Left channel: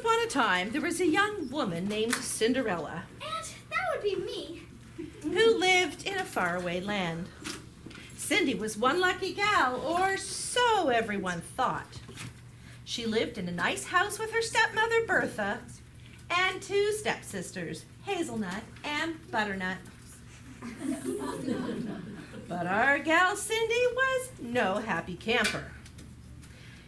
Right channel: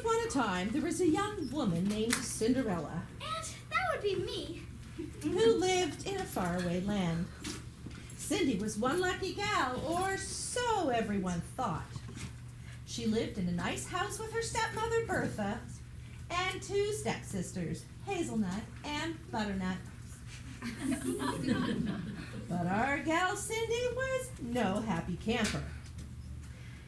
upon a time, there was a young woman named Cinderella And that would be me. who lived in a faraway land. Cindy was one lucky gal, or so everyone thought. She lived in a nice house with her stepmother, Bertha, and two stepsisters, Hazelnut and Butternut. But our gal Cindy was no happy camper.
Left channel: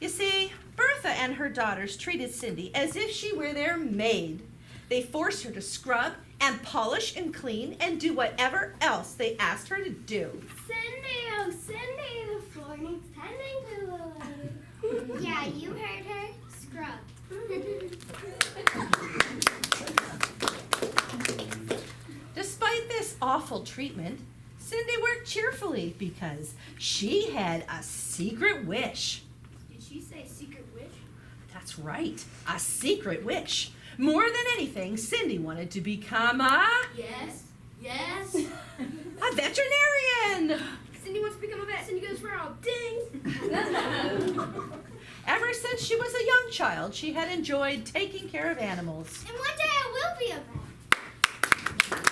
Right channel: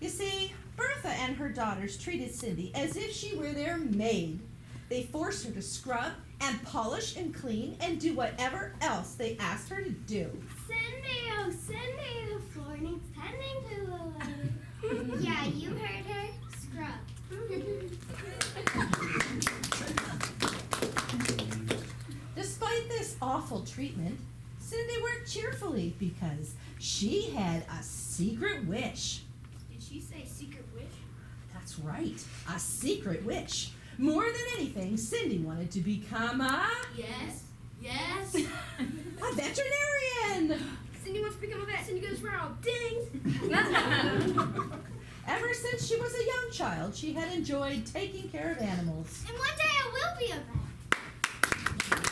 You see, Bertha and her daughters treated Cindy as if she were their maid. They forced her to scrub and polish and clean and do whatever else they asked her to do. Cindy, oh Cindy, the floor needs tending to. Yeah, you heard her. Scrub. Despite this awful treatment, Cindy worked cheerfully because she had a secret wish. Did she say secret wish? That's right, a secret wish. More than anything, Cindy wanted to become a Yes. veterinarian. Cindy wants to become a vet. Cindy goes for all ding. Ever since she was a young child, she had enjoyed taking care of animals. And one day I will be a vet.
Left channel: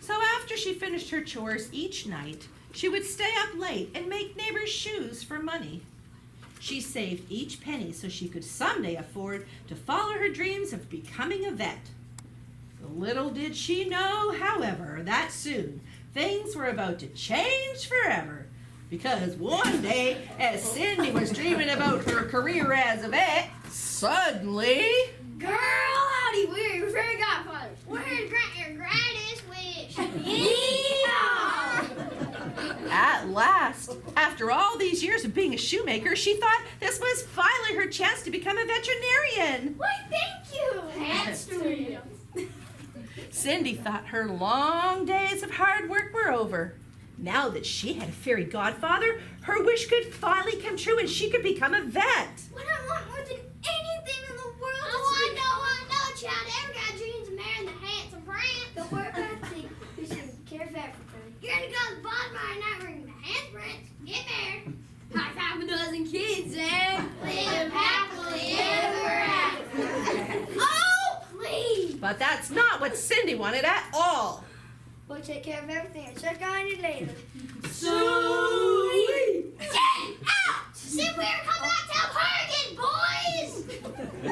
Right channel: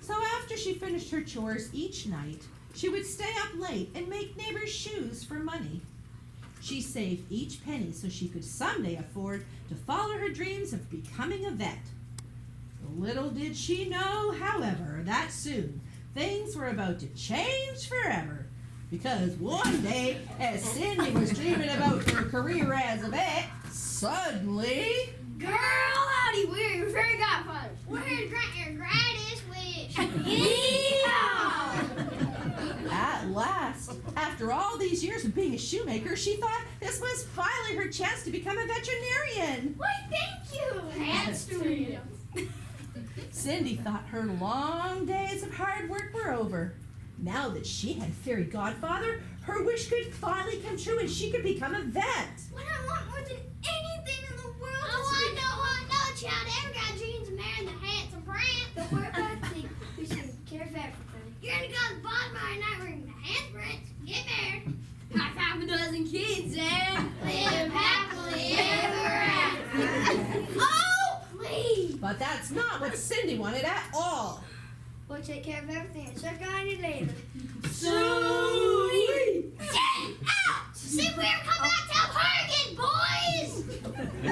So after she finished her chores each night, she would stay up late and make neighbors' shoes for money. She saved each penny so she could someday afford to follow her dreams of becoming a vet. Little did she know, however, that soon things were about to change forever. Because one day, as Cindy was dreaming about her career as a vet, suddenly... Girl, howdy, we're your fairy godfather. We're here to grant your greatest wish. Yeehaw! At last, after all these years of being a shoemaker, she thought this was finally her chance to become a veterinarian. Why, thank you. Hands to me. Cindy thought her long days of hard work were over. Now that she had a fairy godfather, her wish could finally come true and she could become a vet. What I want more than anything in the world I know, child. Ever got dreams of marrying the handsome prince? Don't worry about it. We should care for everything. You're gonna go to the ball tomorrow night wearing the handsome prince. Get married. High five a dozen kids and live happily ever after. Oh, please. But that's not what Cindy wanted at all. We'll take care of everything and check on you later. Sweet! Get out! See if we ever come back to her again, boys!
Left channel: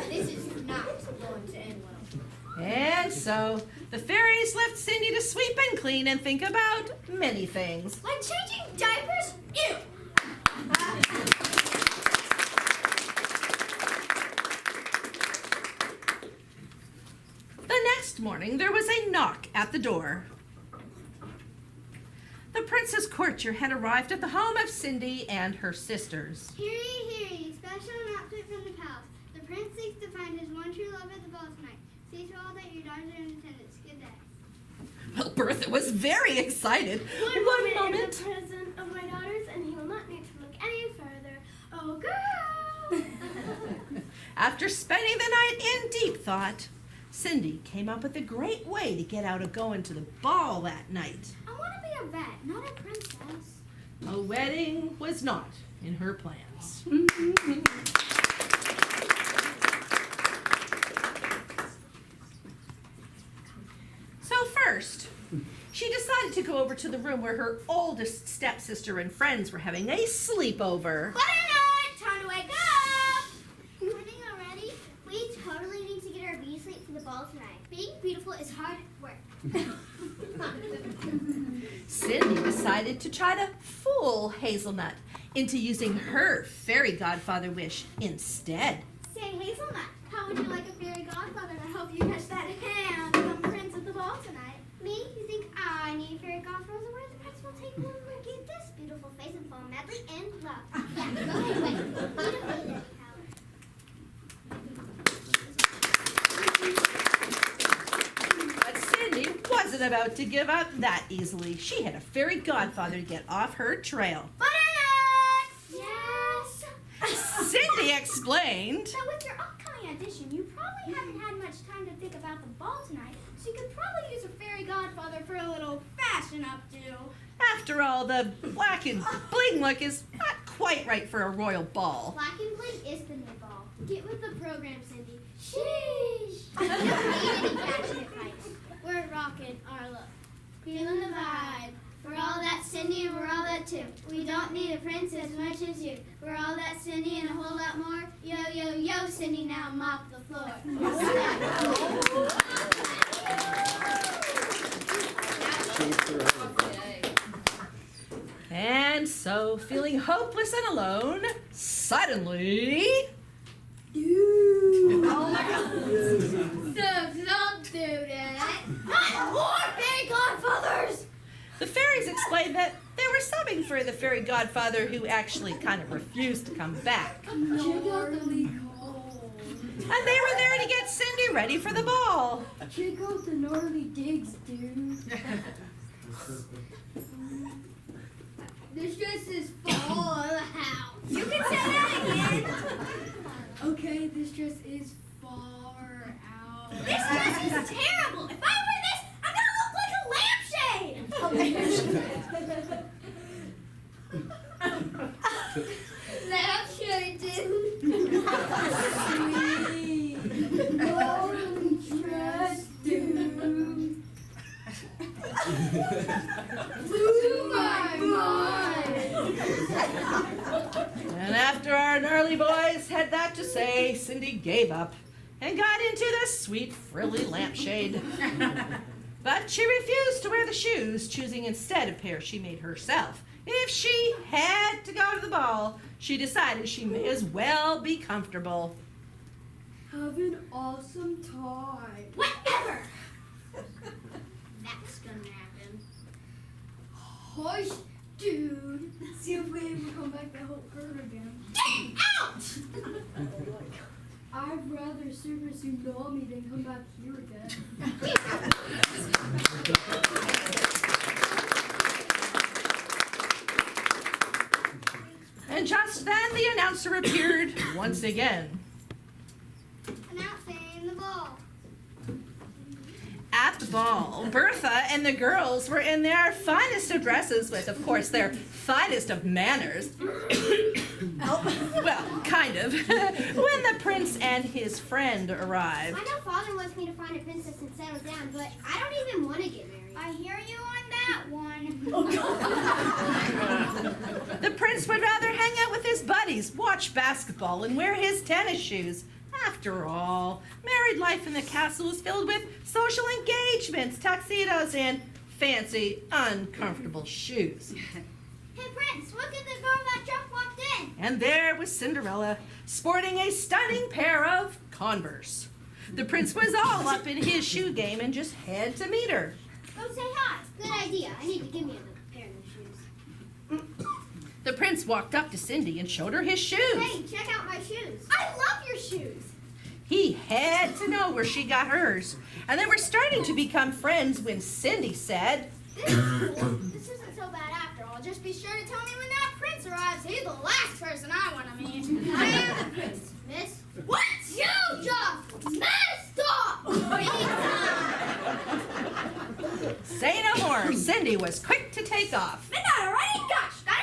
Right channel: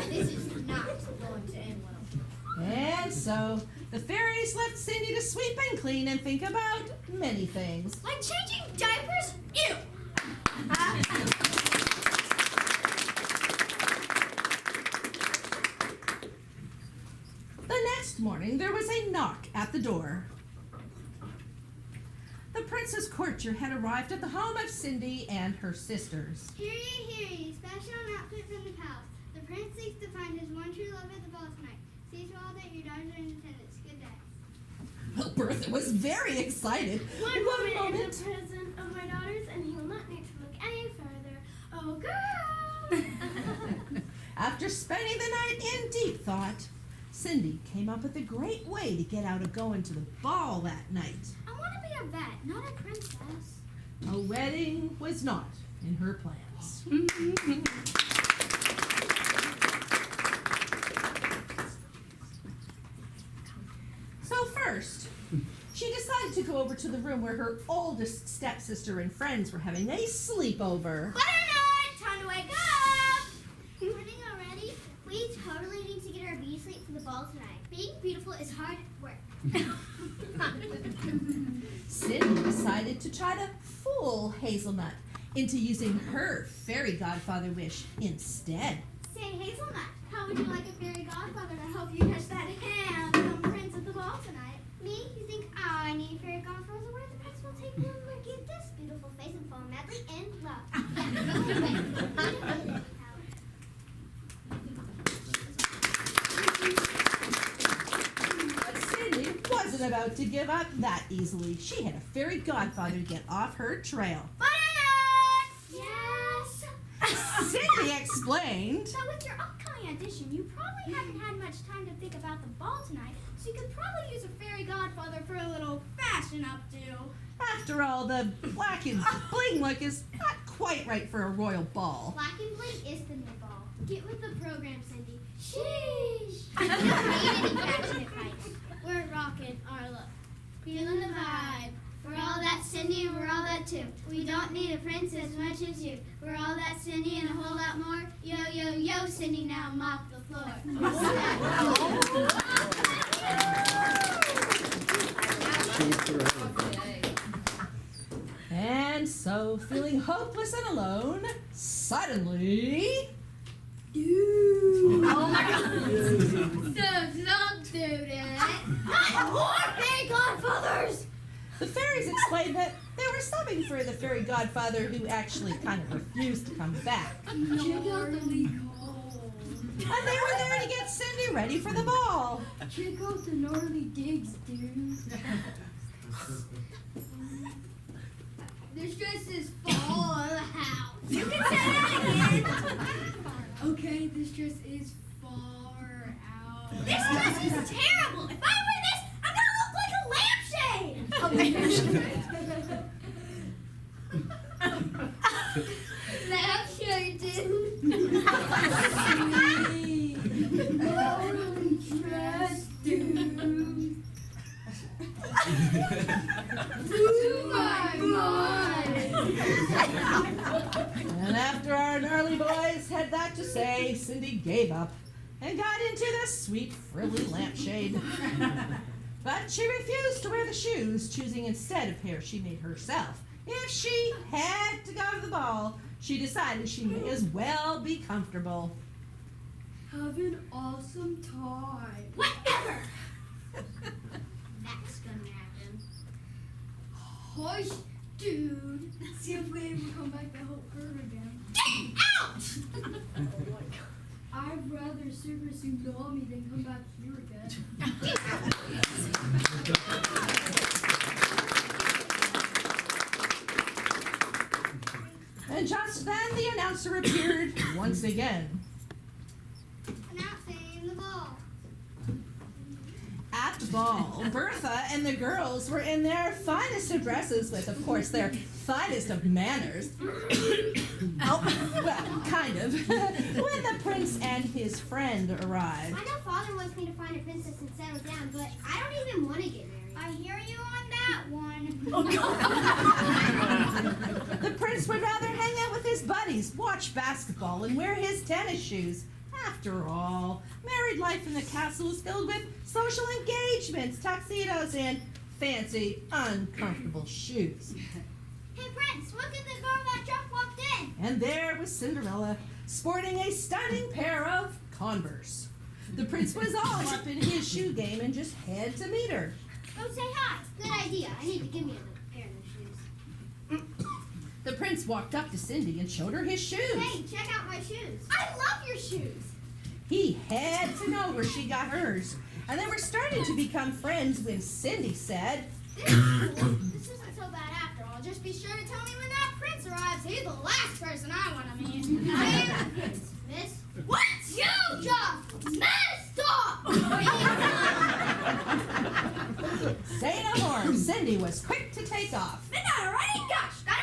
This is not going to end well. And so the fairies left Cindy to sweep and clean and think about many things. Like changing diapers? Ew! The next morning, there was a knock at the door. The princess courtier had arrived at the home of Cindy and her sisters. Hear ye, special announcement from the palace. The prince seeks to find his one true love at the ball tonight. See to all that your daughters are in attendance. Good day. Well, Bertha was very excited. One moment. In the presence of my daughters, and he will not need to look any further. Oh, girl! After spending the night in deep thought, Cindy came up with a great way to get out of going to the ball that night. I want to be a vet, not a princess. A wedding was not in her plans. So first, she decided to go over to the room where her oldest stepsister and friends were having a sleepover. Butternut, time to wake up! Morning already? We totally need to get our beauty sleep for the ball tonight. Being beautiful is hard work. Cindy decided to try to fool Hazelnut into using her fairy godfather wish instead. Say, Hazelnut, how would you like a fairy godfather to help you catch that handsome prince at the ball tonight? Me? You think I need a fairy godfather? Where the prince will take one look at this beautiful face and fall madly in love. Yeah. But Cindy wasn't about to give up that easily. She had a fairy godfather to get off her trail. Butternut! Yes? Cindy explained. So with your upcoming audition, you probably haven't had much time to think about the ball tonight, so you could probably use a fairy godfather for a little fashion updo. After all, the black and bling look is not quite right for a royal ball. Black and blink is the new ball. Get with the program, Cindy. Sheesh. We don't need any passionate fights. We're rocking our look. Feeling the vibe. We're all that Cindy and we're all that too. We don't need a prince as much as you. We're all that Cindy and a whole lot more. Yo, yo, yo, Cindy, now mop the floor. And so, feeling hopeless and alone, suddenly... Dude. Oh my God. Don't do that. Not more fairy godfathers. The fairies explained that they were subbing for the fairy godfather who actually kind of refused to come back. Gnarly cold. And they were there to get Cindy ready for the ball. Check out the gnarly digs, dude. This dress is fall of the house. You can say that again. Okay, this dress is far out. This dress is terrible. If I wear this, I'm gonna look like a lampshade. Lampshade, dude. Sweet. Gnarly dress, dude. To my mind. And after our gnarly boys had that to say, Cindy gave up and got into the sweet frilly lampshade. But she refused to wear the shoes, choosing instead a pair she made herself. If she had to go to the ball, she decided she may as well be comfortable. Have an awesome time. Whatever. That's gonna happen. Hush, dude. See if we ever come back to help her again. Get out! I'd rather Super Tsunami than come back here again. And just then the announcer appeared once again. Announcing the ball. At the ball, Bertha and the girls were in their finest of dresses with, of course, their finest of manners. Oh, well, kind of. When the prince and his friend arrived. I know Father wants me to find a princess and settle down, but I don't even want to get married. I hear you on that one. Oh, God. The prince would rather hang out with his buddies, watch basketball, and wear his tennis shoes. After all, married life in the castle is filled with social engagements, tuxedos, and fancy, uncomfortable shoes. Hey, Prince, look at the girl that just walked in. And there was Cinderella, sporting a stunning pair of Converse. The prince was all up in his shoe game and just had to meet her. Go say hi. Good idea. I need to give me a pair of those shoes. The prince walked up to Cindy and showed her his shoes. Hey, check out my shoes. I love your shoes. He had to know where she got hers. And they were starting to become friends when Cindy said, This is cool. This isn't so bad after all. Just be sure to tell me when that prince arrives. He's the last person I want to meet. I am the prince, miss. What? You just messed up! Say no more. Cindy was quick to take off. Midnight already? Gosh, gotta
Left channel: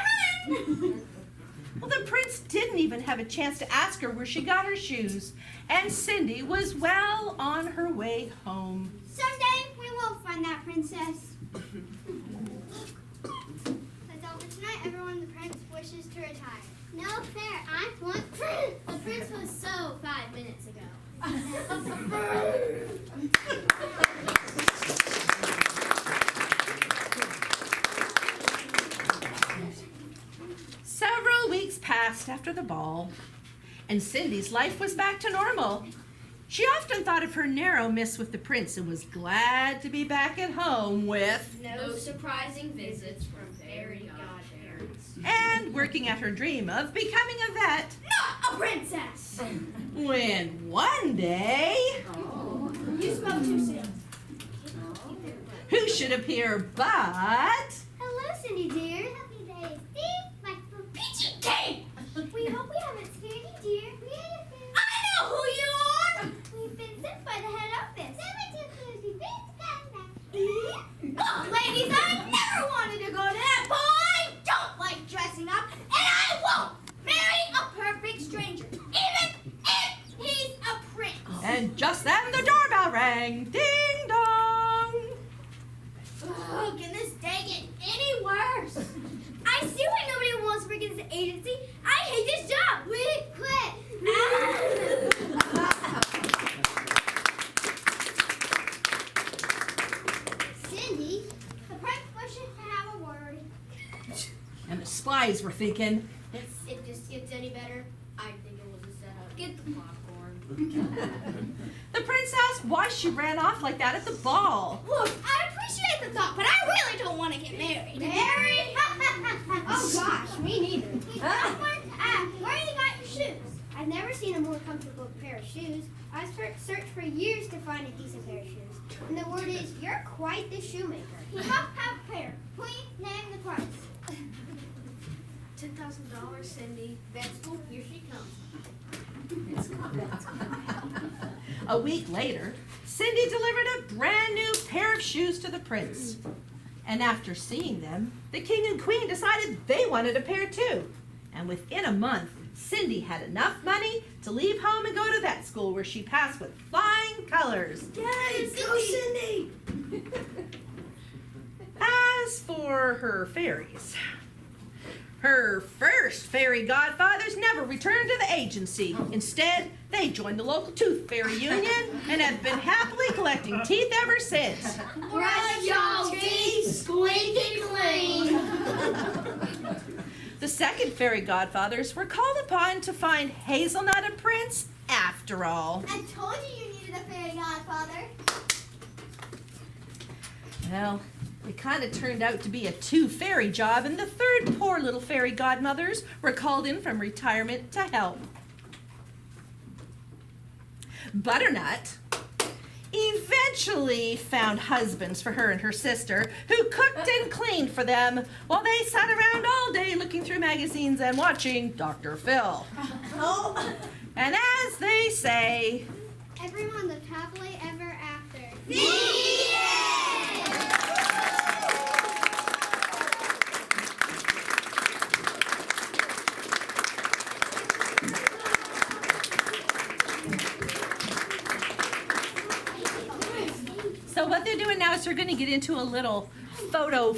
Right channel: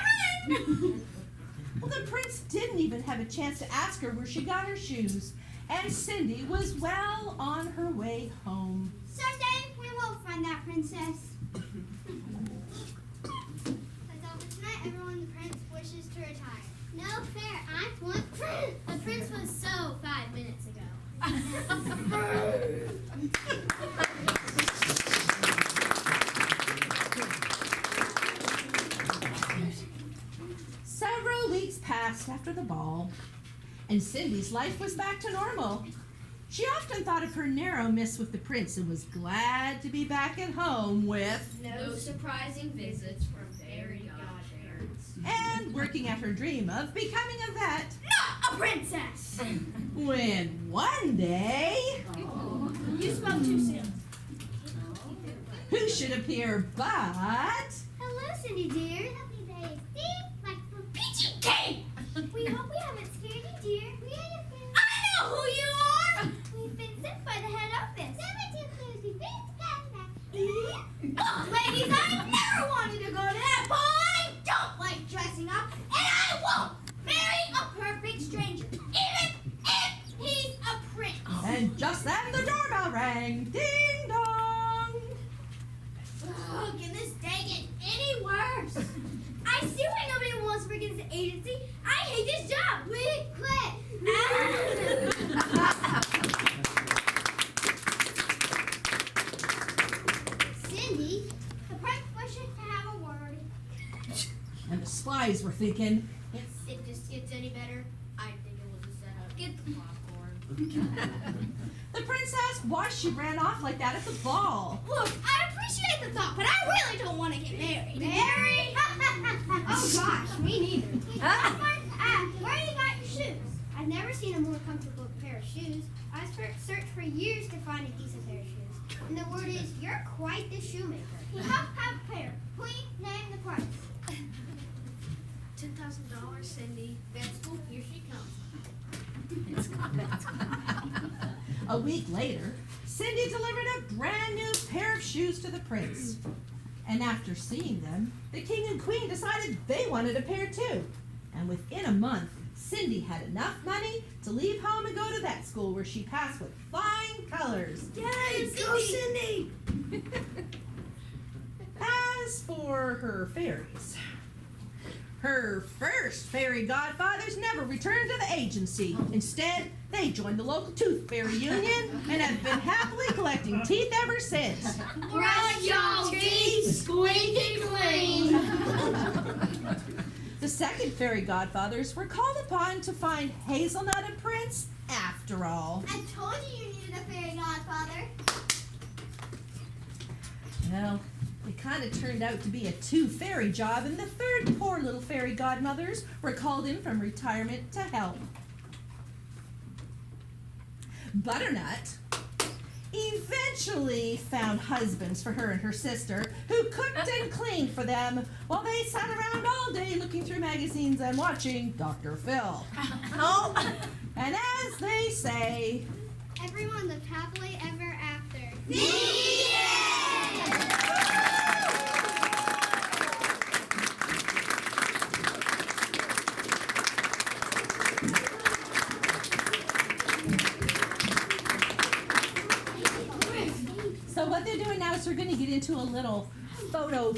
run! Well, the prince didn't even have a chance to ask her where she got her shoes. And Cindy was well on her way home. Someday we will find that princess. That's all for tonight, everyone. The prince wishes to retire. No fair. I want prince. The prince was so 5 minutes ago. Several weeks passed after the ball, and Cindy's life was back to normal. She often thought of her narrow miss with the prince and was glad to be back at home with no surprising visits from fairy godparents. and working at her dream of becoming a vet. Not a princess! When one day, You spoke too soon. who should appear but Hello, Cindy dear. Happy day. See? Like the peachy cake! We hope we haven't scared you, dear. We had a friend. I know who you are! We've been sent by the head office. Oh, ladies, I never wanted to go to that ball. I don't like dressing up, and I won't doorbell rang. Ding dong. Oh, can this day get any worse? I see why nobody wants to work in this agency. I hate this job. We quit. Cindy, the prank wishes to have a word. And the spies were thinking, It just gets any better. I think it was a setup. Get the popcorn. the prince asked why she ran off like that at the ball. Look, I appreciate the thought, but I really don't want to get married. Married? Oh gosh, me neither. Where you got your shoes? I've never seen a more comfortable pair of shoes. I've searched for years to find a decent pair of shoes. And the word is, you're quite the shoemaker. You have a pair. Please name the price. $10,000, Cindy. Vet school, here she comes. A week later, Cindy delivered a brand new pair of shoes to the prince. And after seeing them, the king and queen decided they wanted a pair too. And within a month, Cindy had enough money to leave home and go to that school where she passed with flying colors. Yay, go Cindy! As for her fairies, her first fairy godfathers never returned to the agency. Instead, they joined the local tooth fairy union and have been happily collecting teeth ever since. Brush your teeth squeaky clean. The second fairy godfathers were called upon to find Hazelnut and Prince after all. I told you needed a fairy godfather. Well, it kind of turned out to be a two-fairy job, and the third poor little fairy godmothers were called in from retirement to help. Butternut eventually found husbands for her and her sister who cooked and cleaned for them while they sat around all day looking through magazines and watching Dr. Phil. Oh, and as they say, Everyone lived happily ever after. so what they're doing now is they're going to get into a little photo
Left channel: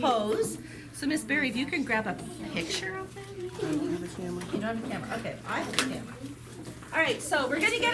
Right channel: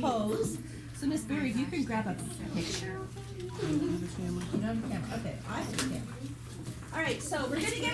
pose. So Miss Berry, if you can grab a picture of them. You don't have a camera. Okay, I have a camera. All right, so we're going to get